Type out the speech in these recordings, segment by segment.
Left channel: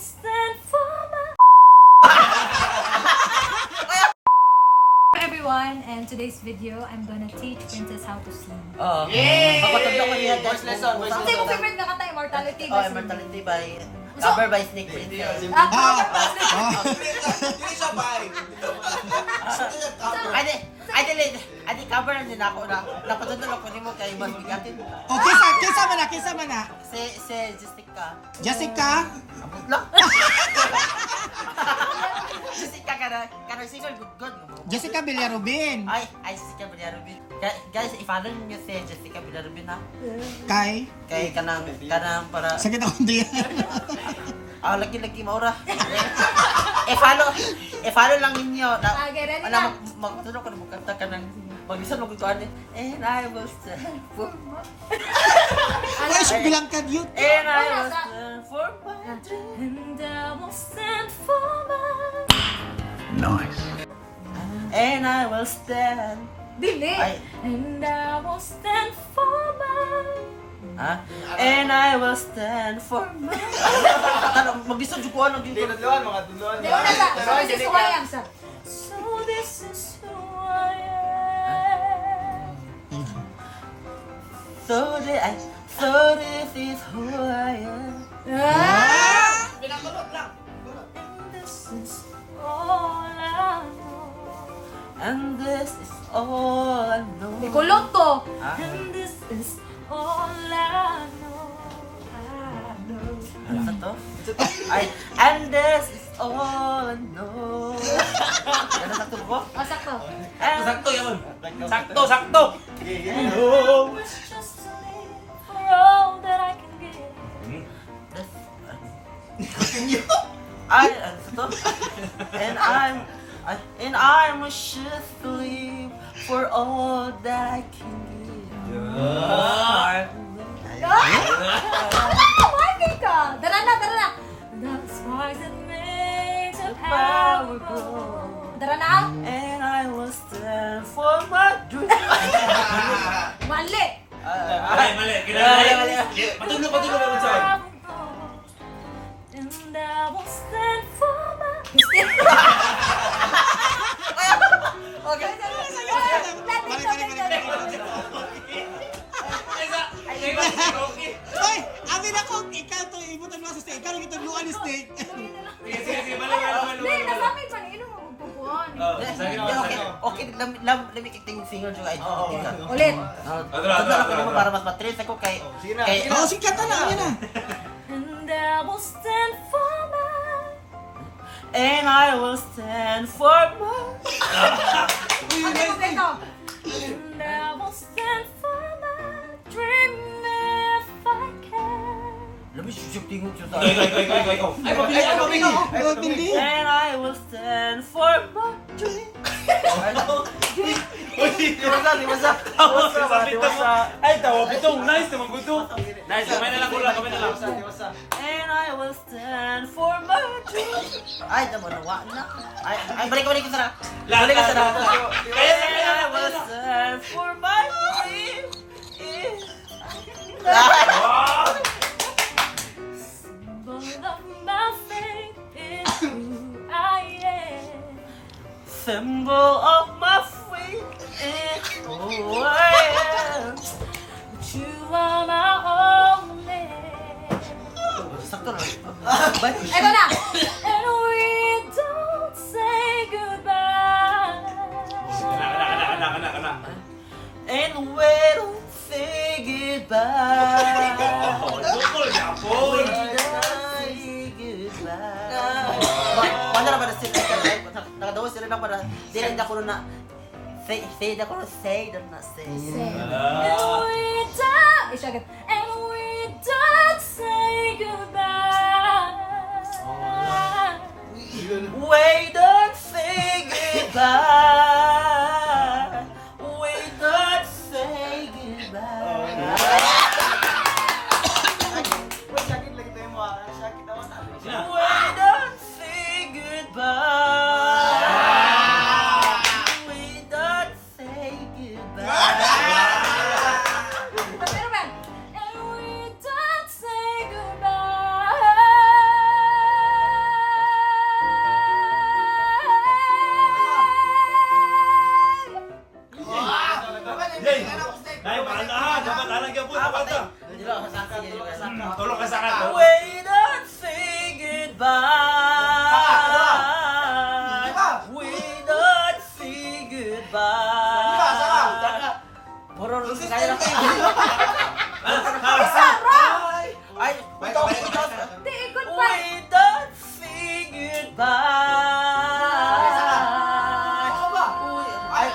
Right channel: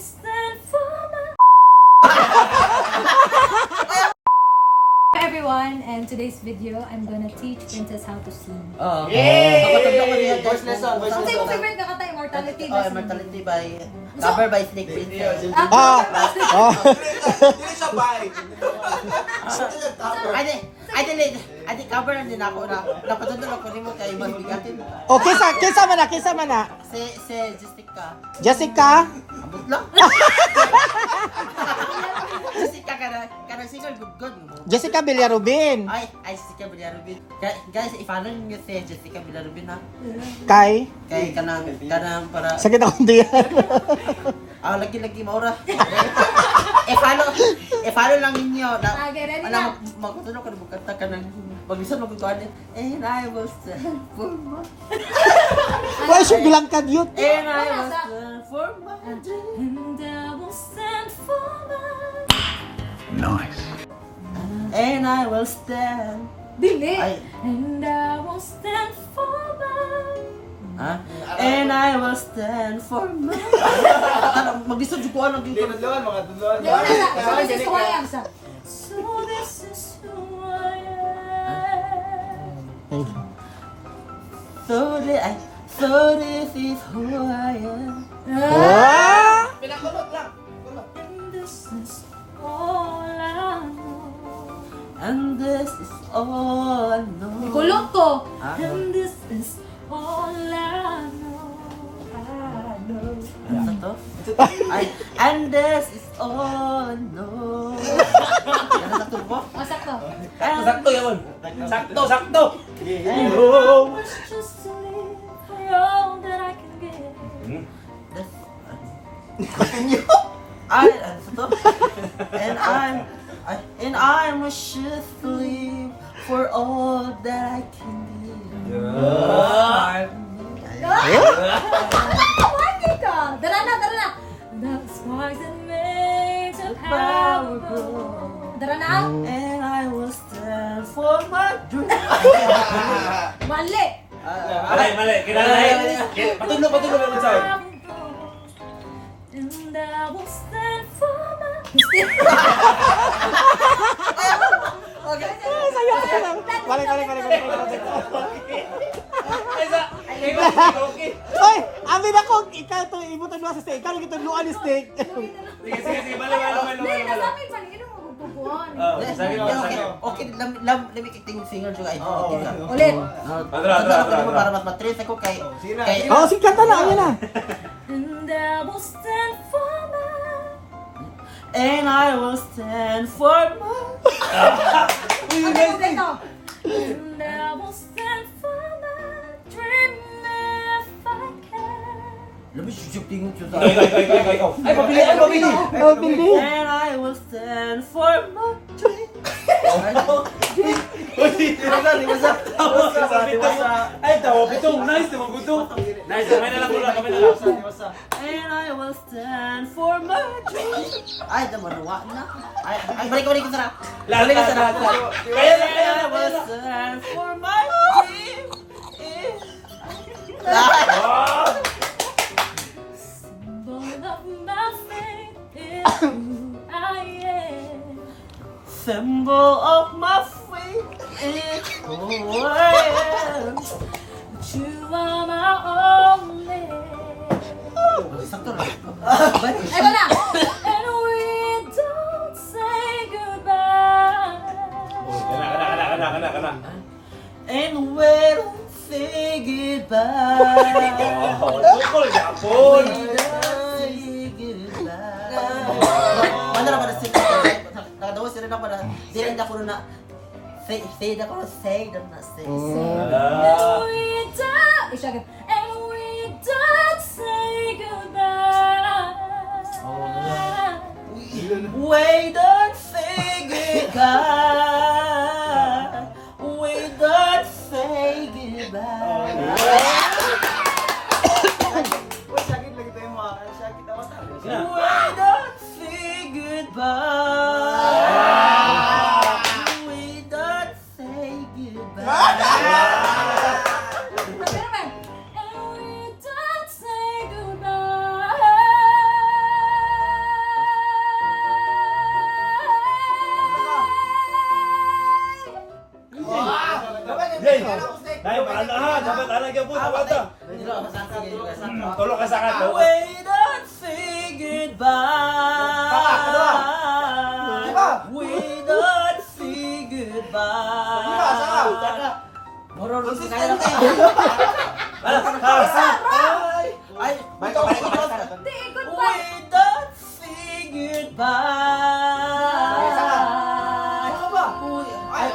stand for my... Everyone, and today's video, I'm gonna teach Princess how to sing. Oh. Yeah! Ako tablo ko niya. Voice lesson, voice Ang lesson. favorite na kata, Immortality. Oh, Immortality by... Cover by Snake Princess. Hindi siya bye. Adi, cover na din ako na. Napatundol ako ni mo kay mas bigatin. O, kisa man na. Si Jessica. Jessica? Abot lang. Jessica kana single good. Jessica Villarubin. Ay, Jessica Villarubin. Guys, i-follow niyo si Jessica Villarubin ha. Kay? Kay kanang para Sakit akong diyan. lagi maura. I-follow lang ninyo. Okay, ready na. Magtulog ka na magkanta ka ng mag-listen mo kung ano. And I will stand for my... Why siya bilang ka yun? And I will stand for my... And I will stand for my... Nice. And I will stand... Dili! Ay. And I will stand for my... Ha? And I will stand for my... Mag-listen ko ano dito. Tinudluan, mga tudluan. Di una sa, so this is who I am sa. So this is who I am. So this is who I am. Pinagulot lang. And this is all I know. And this is all I know. Ikulot to. Ah. And this is all I know. Ano sa to? Ay, and this is all I know. Ano sa tubo? O, sakto. Sakto yan. Sakto. I wish just to live for all that I can give. Ay, ano sa to? And I'm just to live for all that I can give. Marky ka! Tara na! The sparks that make the power grow. Tara na! And I will stand for my dream. Mali! Mali. Kinala. Patulog naman sa'yo. And I will stand for my... Okay. Balik. Hoy, amin ako, ikaw to, ibutan mo sa steak. Ikaw nagitudluan ni steak. Sige, balik. Hindi, nasamin pa niyo mo magpupuan. Okay, let me kick singer juga ito. Ulit! Para mas matrace ako kay... Oo, sikat na, amin na. And I will stand for my... And I will stand for my... Kompleto! And I will stand for my dream if I can. Labi susuk tingog siya Ay, pabili. Oh, bindi. And I will stand for my dream. Dimasa. Ay, tawa pitong. Nice naman gusto. Nice, kamay na lang. And I will stand for my dream. Ay, damawa na. Ay, balik ka sana. Balik ka sana. And I will stand for my dream. Symbol of my faith is who I am. Symbol of my faith is who I am. But you are my only. Sakto na. Eto na! And we don't say goodbye. Kana. And we don't say goodbye. Bukol We yapon. don't say goodbye. Wala na ba na sila? Nakadawa sila na para di rin ako na say na ko na say na say. And we don't... Isagad. And we don't say goodbye. We don't say goodbye. We don't say goodbye. We don't say goodbye. We don't say goodbye. Pero man, and we don't say goodbye. Kaya na. Ay, ito. Di, goodbye. We don't say goodbye. Ay,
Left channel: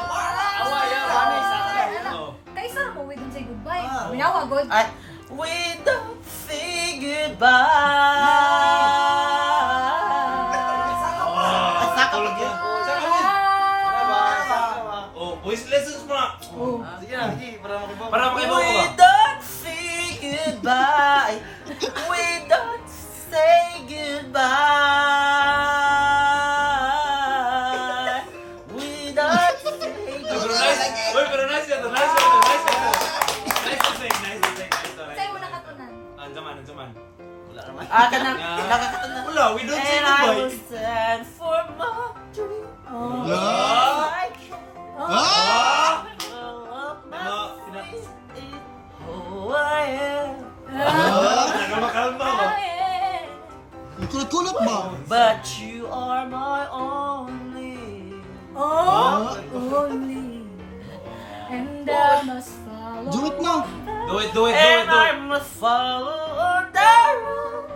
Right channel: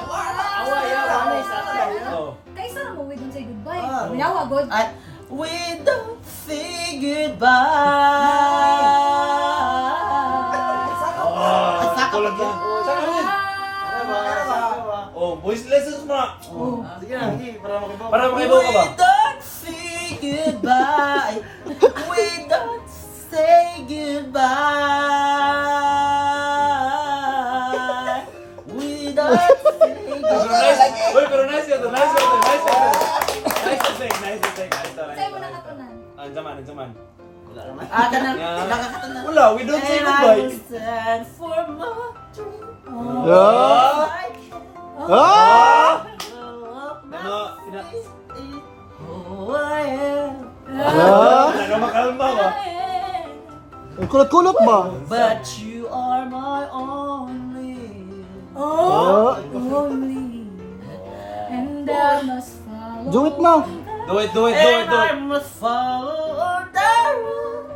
Kaisa na mo, we don't say goodbye. Minawa, God. Ay, we don't say goodbye. Ay, saka pa dyan. Oh, voice lessons mo. Sige na, sige, para makibaw. Para makibaw ka ba? We don't say goodbye. We don't say goodbye. We don't say Pero goodbye. nice. Uy, pero nice ito. Nice ito. Nice ito. Nice to say. Nice to say. Sa'yo mo nakatunan. Anjaman. Ah, kanang nakakatanan. Wala, we don't say And I will goodbye. stand for my dream. Yeah. I can Ah! blow up my Ano, face is who I am. Ah! Nagamakalma ba? Ang kulot-kulot ba? But you are my only. Oh, only. And I must follow. Do it na. Do it. And I must follow the road.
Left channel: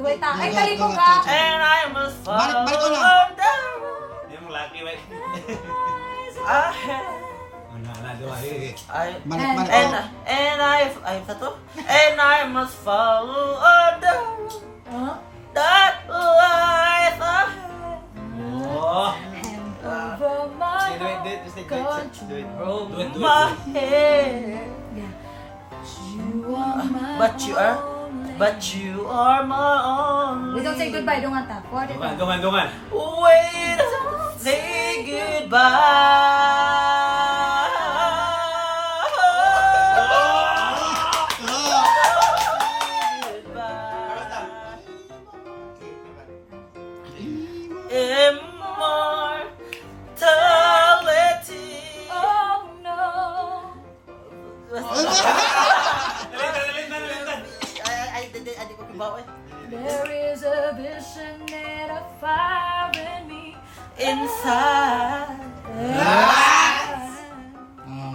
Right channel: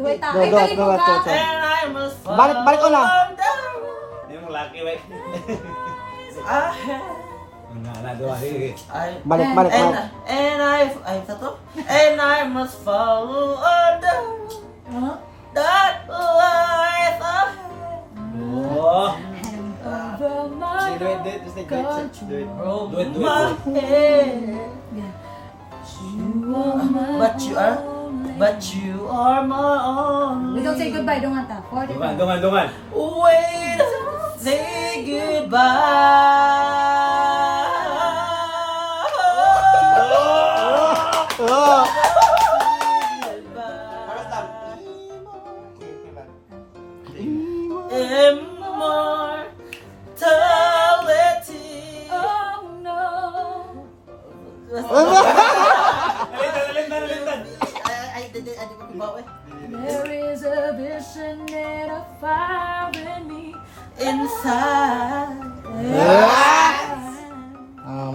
Duway ta. Go, Ay, go, galing mo go, ka. go, go. And I must follow Balik ko lang. the road. Hindi mo laki, wait. I have. Balik. Sa to? And I must follow the road. That lies ahead. And over my country. Over my head. Yeah. You are my only. But you are my only. We don't say goodbye, don't anta. 40 times. Dungan. Wait, say goodbye. Ah! Immortality. Oh no. Ay, ko kibaw eh. There is a vision and a fire in me. Inside.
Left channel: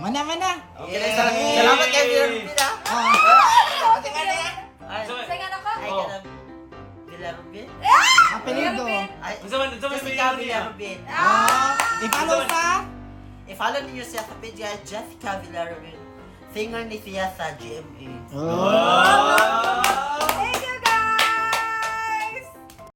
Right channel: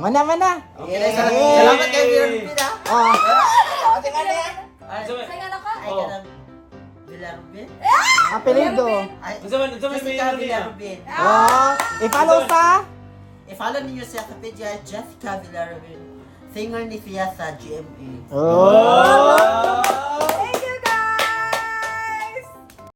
Mana. Okay, salamat kay Villarubin ha. Ay, Sayan ako? ay, kanang Villarubin. Apelido. Ay, Isa man Jessica Villarubin. I-follow pa. I-follow niyo siya sa page guys, Jessica Villarubin. Singer ni siya sa GMA. Oh.